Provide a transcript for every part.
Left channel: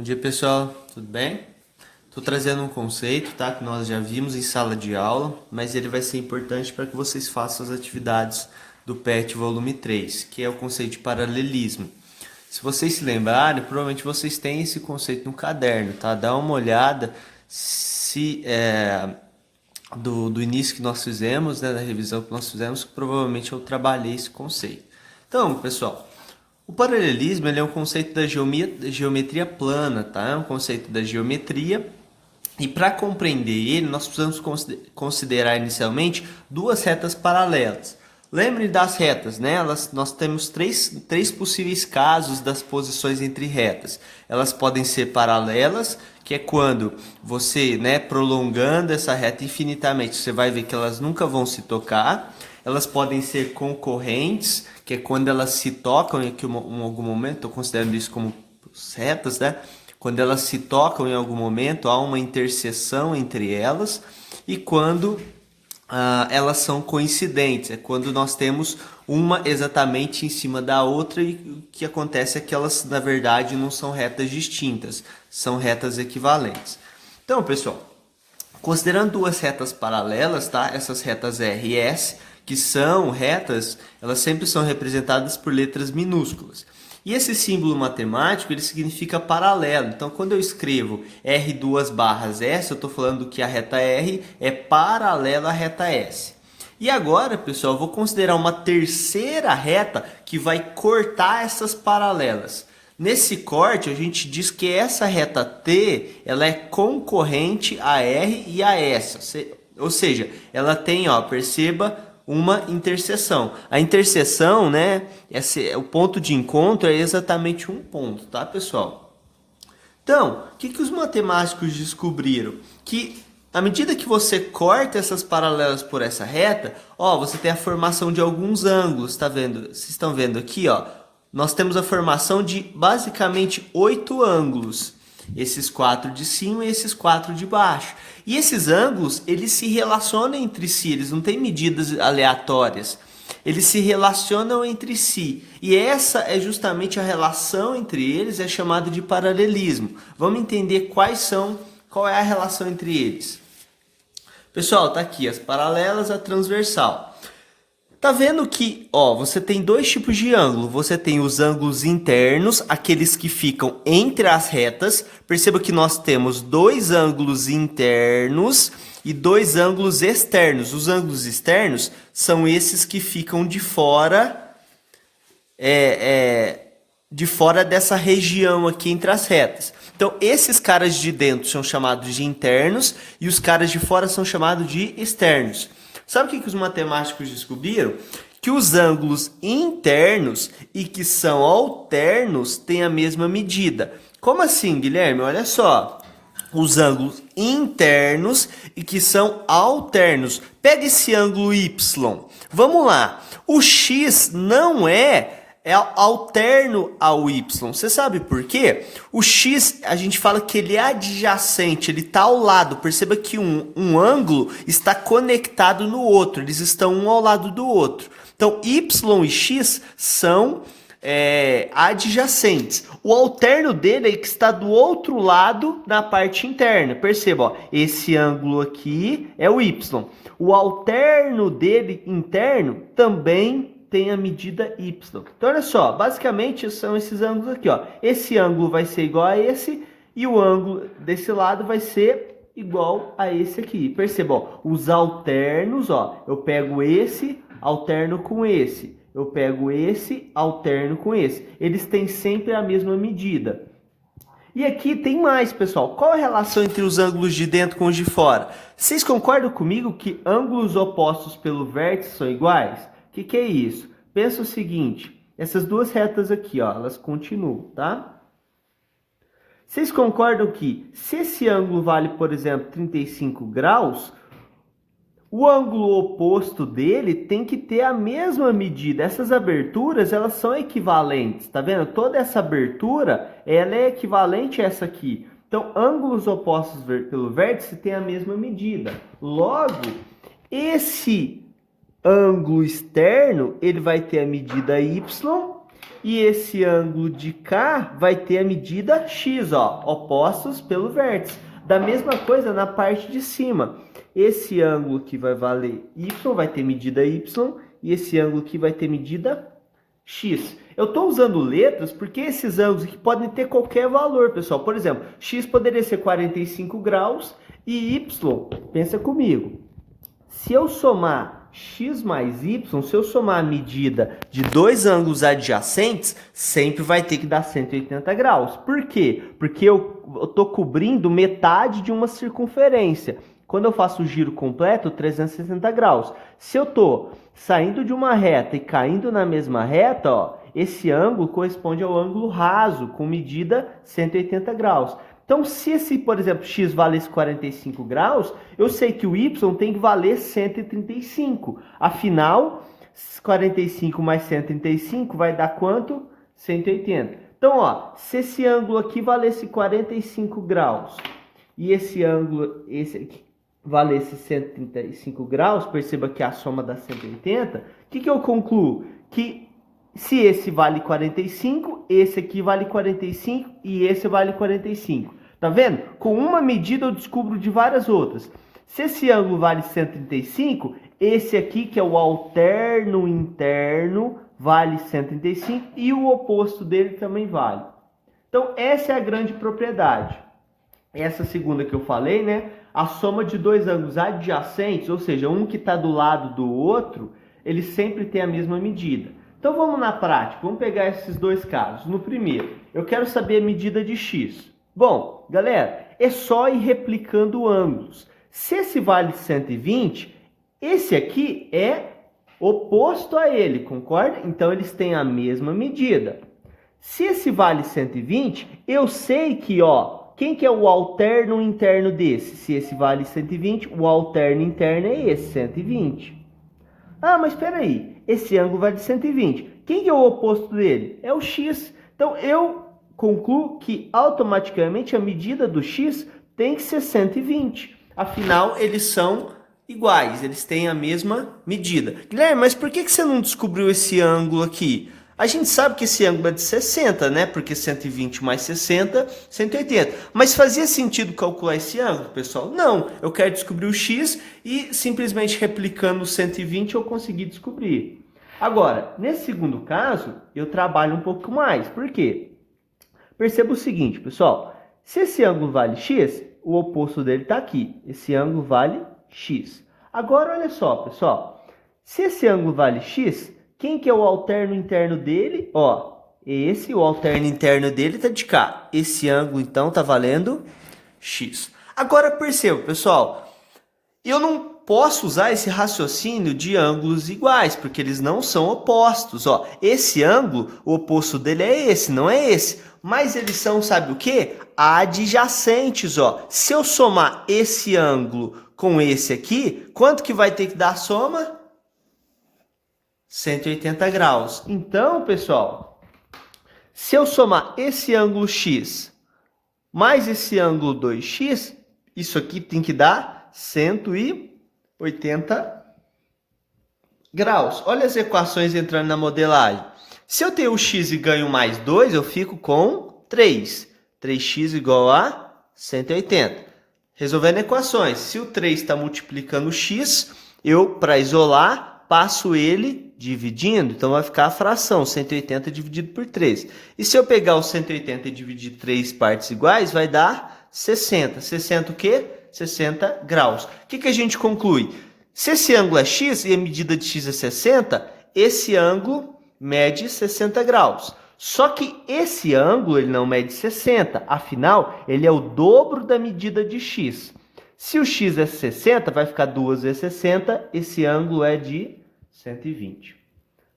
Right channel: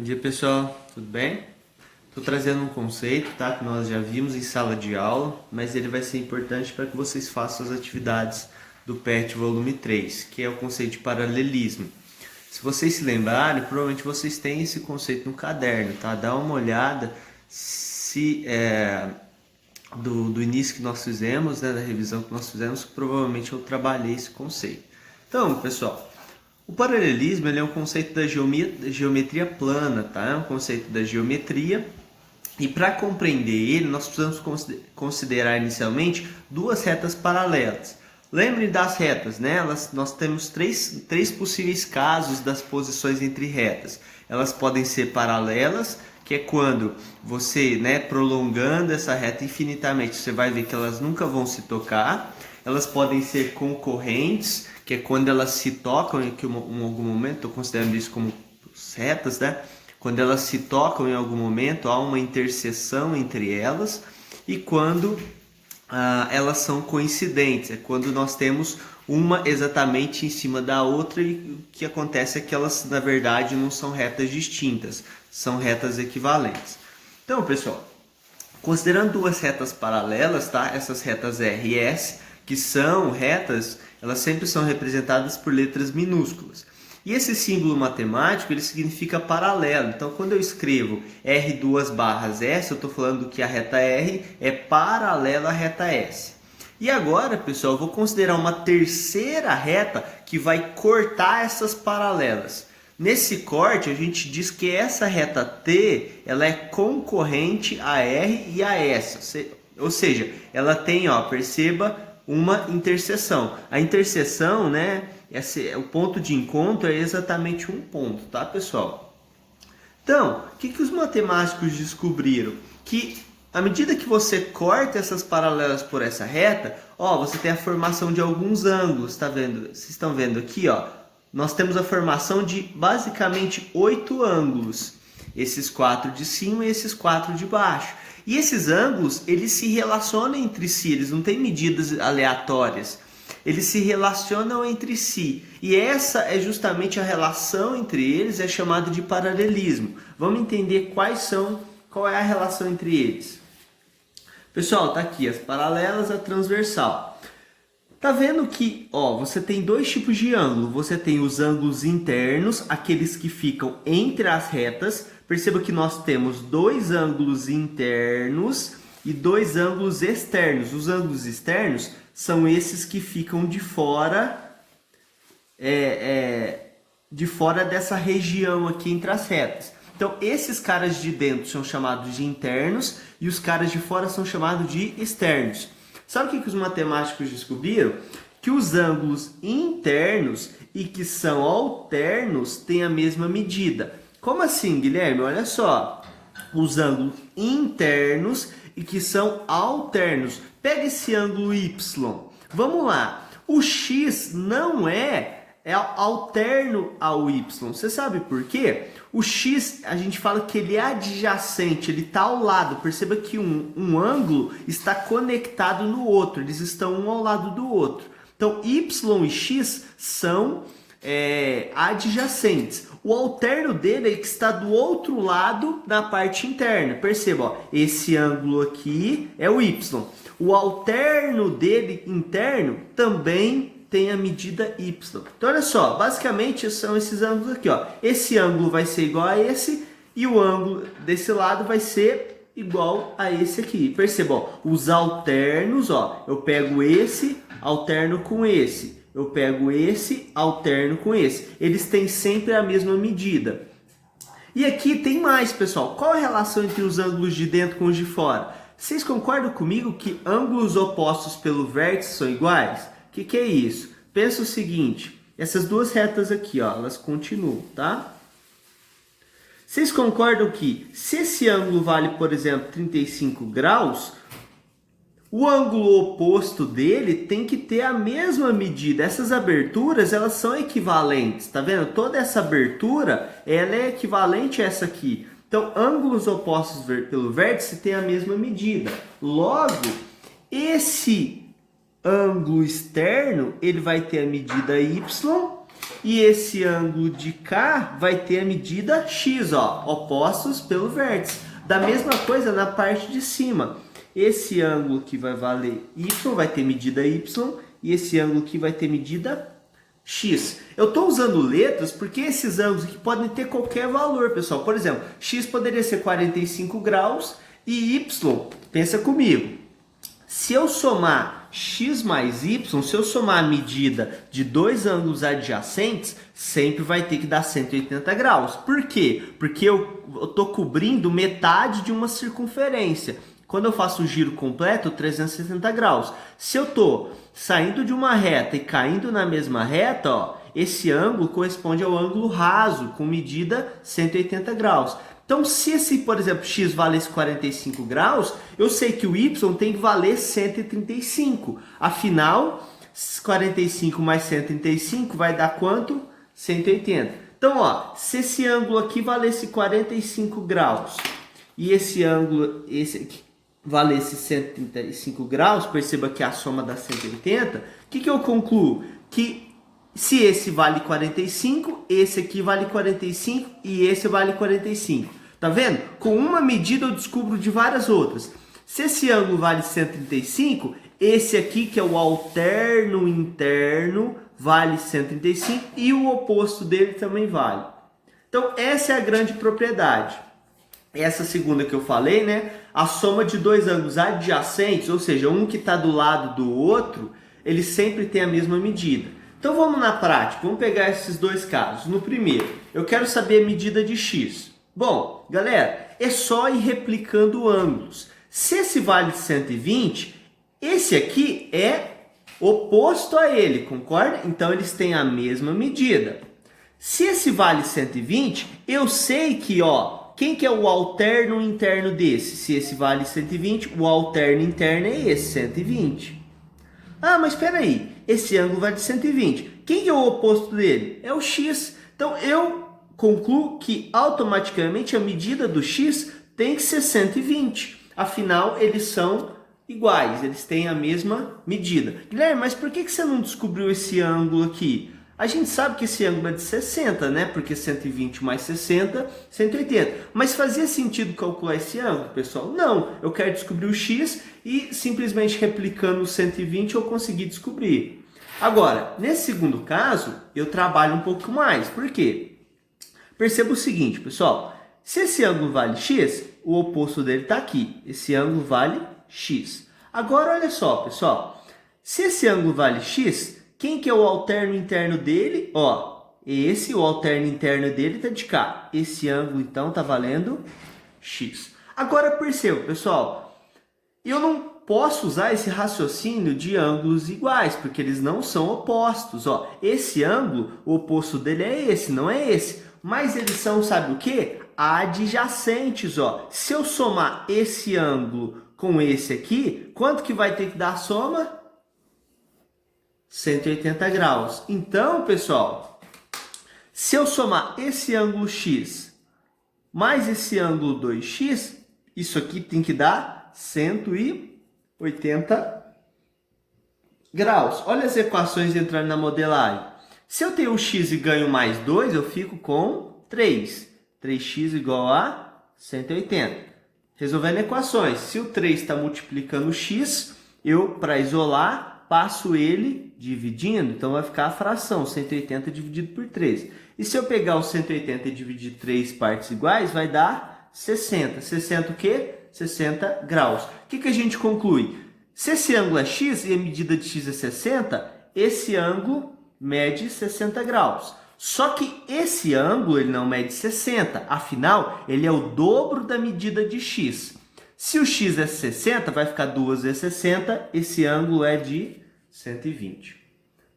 Bom dia, pessoal, tudo bem? Estou trazendo um conceito, tá? Que nós já vimos em sala de aula, mas ele vai ser importante para que vocês façam as atividades do PET volume 3, que é o conceito de paralelismo. Se vocês se lembrarem, provavelmente vocês têm esse conceito no caderno, tá? Dá uma olhada se do início que nós fizemos, né, da revisão que nós fizemos, provavelmente eu trabalhei esse conceito. Então, pessoal, o paralelismo ele é um conceito da geometria plana, tá? É um conceito da geometria. E para compreender ele, nós precisamos considerar inicialmente duas retas paralelas. Lembre das retas, né? Nós temos três possíveis casos das posições entre retas. Elas podem ser paralelas, que é quando você, né, prolongando essa reta infinitamente, você vai ver que elas nunca vão se tocar. Elas podem ser concorrentes, que é quando elas se tocam em algum momento, estou considerando isso como retas, né? Quando elas se tocam em algum momento, há uma interseção entre elas, e quando elas são coincidentes, é quando nós temos uma exatamente em cima da outra, e o que acontece é que elas, na verdade, não são retas distintas, são retas equivalentes. Então, pessoal, considerando duas retas paralelas, tá? Essas retas R e S, que são retas, elas sempre são representadas por letras minúsculas. E esse símbolo matemático, ele significa paralelo. Então, quando eu escrevo R2 barras S, eu estou falando que a reta R é paralela à reta S. E agora, pessoal, eu vou considerar uma terceira reta que vai cortar essas paralelas. Nesse corte, a gente diz que essa reta T, ela é concorrente a R e a S. Ou seja, ela tem, ó, perceba, uma interseção. A interseção, né, o ponto de encontro é exatamente um ponto, tá, pessoal? Então, o que os matemáticos descobriram? Que à medida que você corta essas paralelas por essa reta, ó, você tem a formação de alguns ângulos, tá vendo? Vocês estão vendo aqui, ó? Nós temos a formação de basicamente 8 ângulos. Esses 4 de cima e esses 4 de baixo. E esses ângulos, eles se relacionam entre si, eles não têm medidas aleatórias. Eles se relacionam entre si. E essa é justamente a relação entre eles, é chamado de paralelismo. Vamos entender qual é a relação entre eles. Pessoal, tá aqui as paralelas, a transversal. Tá vendo que, ó, você tem dois tipos de ângulo. Você tem os ângulos internos, aqueles que ficam entre as retas. Perceba que nós temos dois ângulos internos e dois ângulos externos. Os ângulos externos são esses que ficam de fora, de fora dessa região aqui entre as retas. Então, esses caras de dentro são chamados de internos e os caras de fora são chamados de externos. Sabe o que os matemáticos descobriram? Que os ângulos internos e que são alternos têm a mesma medida. Como assim, Guilherme? Olha só. Os ângulos internos e que são alternos. Pega esse ângulo Y. Vamos lá. O X não é alterno ao Y. Você sabe por quê? O X, a gente fala que ele é adjacente, ele está ao lado. Perceba que um ângulo está conectado no outro, eles estão um ao lado do outro. Então, Y e X são adjacentes. O alterno dele é que está do outro lado na parte interna. Perceba, ó, esse ângulo aqui é o Y. O alterno dele interno também tem a medida Y. Então, olha só, basicamente são esses ângulos aqui, ó. Esse ângulo vai ser igual a esse e o ângulo desse lado vai ser igual a esse aqui. Perceba, ó, os alternos, ó, eu pego esse, alterno com esse. Eu pego esse, alterno com esse. Eles têm sempre a mesma medida. E aqui tem mais, pessoal. Qual a relação entre os ângulos de dentro com os de fora? Vocês concordam comigo que ângulos opostos pelo vértice são iguais? O que é isso? Pensa o seguinte, essas duas retas aqui, ó, elas continuam, tá? Vocês concordam que se esse ângulo vale, por exemplo, 35 graus, o ângulo oposto dele tem que ter a mesma medida. Essas aberturas, elas são equivalentes, tá vendo? Toda essa abertura, ela é equivalente a essa aqui. Então, ângulos opostos pelo vértice têm a mesma medida. Logo, esse ângulo externo, ele vai ter a medida Y E esse ângulo de cá vai ter a medida x, ó, opostos pelo vértice. Da mesma coisa na parte de cima. Esse ângulo que vai valer y vai ter medida y e esse ângulo aqui vai ter medida x. Eu estou usando letras porque esses ângulos aqui podem ter qualquer valor, pessoal. Por exemplo, x poderia ser 45 graus e y, pensa comigo, se eu somar x mais y, se eu somar a medida de dois ângulos adjacentes, sempre vai ter que dar 180 graus. Por quê? Porque eu estou cobrindo metade de uma circunferência. Quando eu faço o giro completo, 360 graus. Se eu estou saindo de uma reta e caindo na mesma reta, ó, esse ângulo corresponde ao ângulo raso, com medida 180 graus. Então, se esse, por exemplo, x valesse 45 graus, eu sei que o y tem que valer 135. Afinal, 45 mais 135 vai dar quanto? 180. Então, ó, se esse ângulo aqui valesse 45 graus e esse ângulo, esse aqui, valesse 135 graus, perceba que a soma dá 180, o que eu concluo? Que se esse vale 45, esse aqui vale 45 e esse vale 45. Tá vendo? Com uma medida eu descubro de várias outras. Se esse ângulo vale 135, esse aqui, que é o alterno interno, vale 135 e o oposto dele também vale. Então, essa é a grande propriedade. Essa segunda que eu falei, né? A soma de dois ângulos adjacentes, ou seja, um que está do lado do outro, eles sempre têm a mesma medida. Então vamos na prática, vamos pegar esses dois casos. No primeiro, eu quero saber a medida de x. Bom, galera, é só ir replicando ângulos. Se esse vale 120, esse aqui é oposto a ele, concorda? Então eles têm a mesma medida. Se esse vale 120, eu sei que, ó, quem que é o alterno interno desse? Se esse vale 120, o alterno interno é esse, 120. Ah, mas espera aí, esse ângulo vale 120. Quem que é o oposto dele? É o x. Então, eu concluo que automaticamente a medida do x tem que ser 120. Afinal, eles são iguais, eles têm a mesma medida. Guilherme, mas por que você não descobriu esse ângulo aqui? A gente sabe que esse ângulo é de 60, né? Porque 120 mais 60, 180. Mas fazia sentido calcular esse ângulo, pessoal? Não, eu quero descobrir o x e simplesmente replicando o 120 eu consegui descobrir. Agora, nesse segundo caso, eu trabalho um pouco mais. Por quê? Perceba o seguinte, pessoal. Se esse ângulo vale x, o oposto dele está aqui. Esse ângulo vale x. Agora, olha só, pessoal. Se esse ângulo vale x, quem que é o alterno interno dele? Ó, o alterno interno dele está de cá. Esse ângulo, então, está valendo x. Agora, perceba, pessoal, eu não posso usar esse raciocínio de ângulos iguais, porque eles não são opostos. Ó, esse ângulo, o oposto dele é esse, não é esse. Mas eles são, sabe o quê? Adjacentes, ó. Se eu somar esse ângulo com esse aqui, quanto que vai ter que dar a soma? 180 graus. Então, pessoal, se eu somar esse ângulo x mais esse ângulo 2x, isso aqui tem que dar 180 graus. Olha as equações entrando na modelagem. Se eu tenho o x e ganho mais 2, eu fico com 3. 3x igual a 180. Resolvendo equações. Se o 3 está multiplicando o x, eu, para isolar, passo ele dividindo, então vai ficar a fração, 180 dividido por 3. E se eu pegar o 180 e dividir 3 partes iguais, vai dar 60. 60 o quê? 60 graus. O que a gente conclui? Se esse ângulo é x e a medida de x é 60, esse ângulo mede 60 graus. Só que esse ângulo ele não mede 60, afinal, ele é o dobro da medida de x. Se o x é 60, vai ficar 2 vezes 60, esse ângulo é de 120.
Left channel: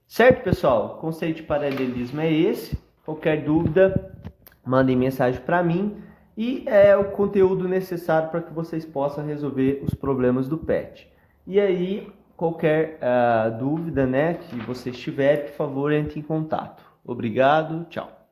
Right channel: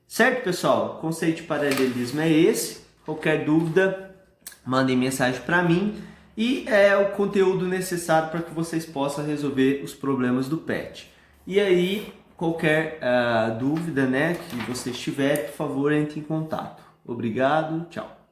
Certo, pessoal? O conceito de paralelismo é esse. Qualquer dúvida, mandem mensagem para mim. E é o conteúdo necessário para que vocês possam resolver os problemas do PET. E aí, qualquer dúvida, né, que vocês tiverem, por favor, entre em contato. Obrigado, tchau.